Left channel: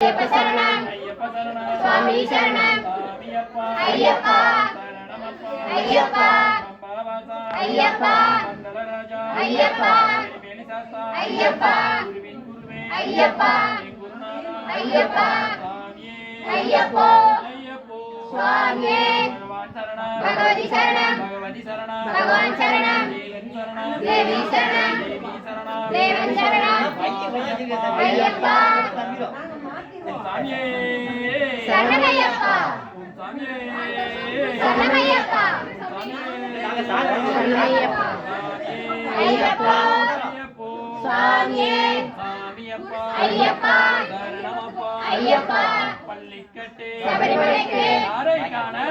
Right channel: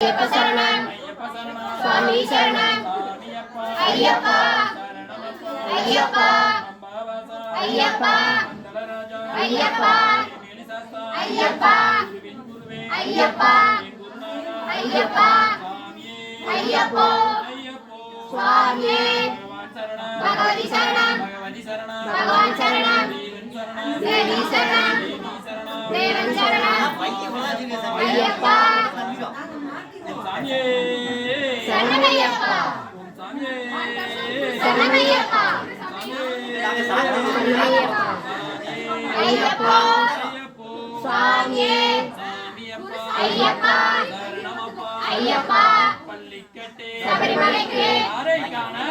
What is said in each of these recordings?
ஐயப்ப சரணம் சுவாமி சரணம் ஐயப்பா ஐயப்பா ஐயப்பா ஐயப்பா ஐயப்பா ஐயப்பா ஐயப்பா ஐயப்போ சுவாமியே பகவதி சரணம் பகவான் சரணம் தேவி சரணம் தேவன் சரணம் ஐயப்பா சரணமையப்பா சரணமையப்பா சரணமையப்பா ஐயப்பா சுவாமியே ஐயப்பா ஐயப்பா சபரிமலைக்கு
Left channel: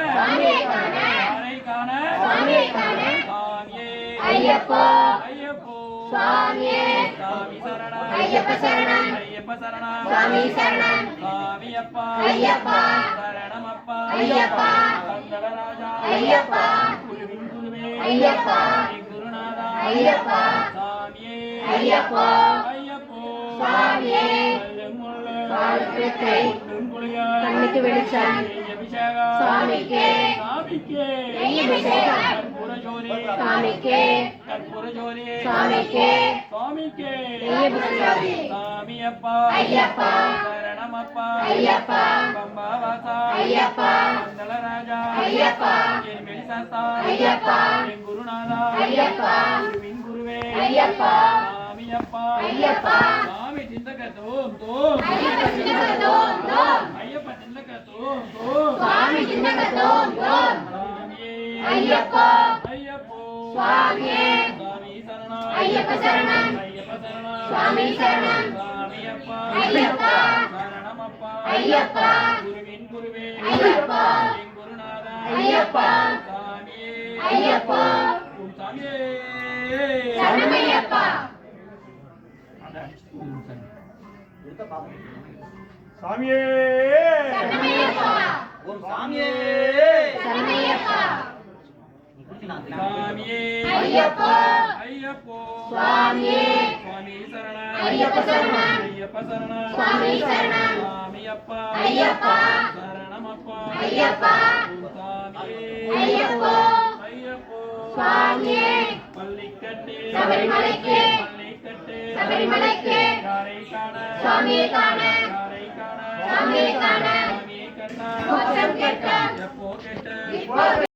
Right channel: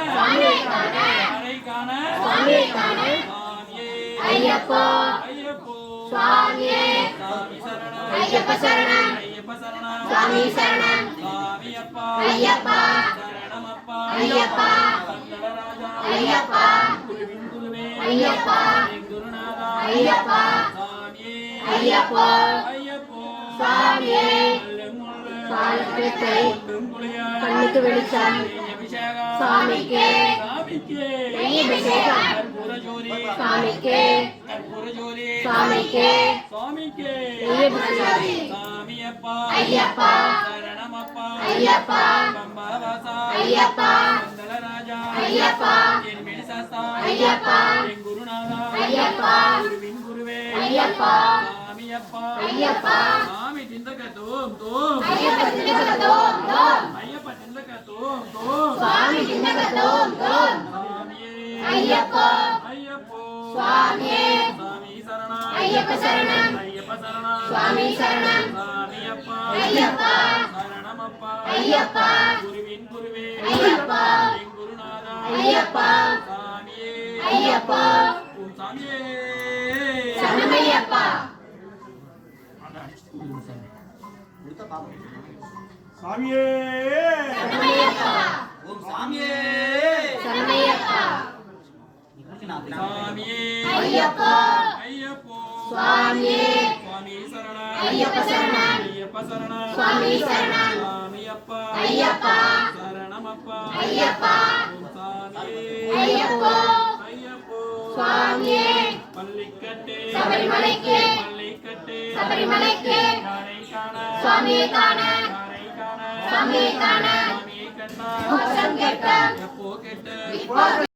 சுவாமியை காண சுவாமியை காண ஐயப்போ சுவாமியே ஐயப்ப சரணம் சுவாமி சரணம் ஐயப்பா ஐயப்பா ஐயப்பா ஐயப்பா ஐயப்பா ஐயப்போ சுவாமியே கண்ணுக்கு வெளிச்சம் சுவாமிக்கு அபிஷேகம் சுவாமிக்கு சுவாமிக்கு ஐயப்பா ஐயப்பா ஐயப்பா ஐயப்பா ஐயப்பா ஐயப்பா ஐயப்பா ஐயப்பா சாமி திண்டக தோம் தோம் ஐயப்ப திண்டக தோம் தோம் சுவாமி திண்டக தோம் தோம் ஐயப்பா ஐயப்போ சுவாமியே சாமி சரணம் ஐயப்ப சரணம் ஐயப்ப சரணம் சுவாமி சரணம் சாமியப்பா ஐயப்பா சரணமப்பா ஐயப்பா குருவின் குருவே ஐயப்பா என் குருநாதா ஐயப்பா சாமியே ஐயப்பா சாமியே சரணமையப்பா சாமியே சரணமையப்பா ஓம் சாமியே சரணமையப்பா சாமியே ஐயப்பா ஐயப்போ சுவாமியே சுவாமி சரணம் ஐயப்ப சரணம் ஐயப்ப சரணம் சுவாமி சரணம் சாமியப்பா ஐயப்பா சரணமப்பா ஐயப்பா சாமியே ஐயப்போ ஐயப்போ சுவாமியே பள்ளிக்கட்டே சபரிமலைக்கு பள்ளிக்கட்டே சபரிமலைக்கு காரை காண சுவாமியை காண காரை காண சுவாமியை காண சாமியை கண்ணா மோட்சம் கேட்க எப்போ கேட்ட இப்போ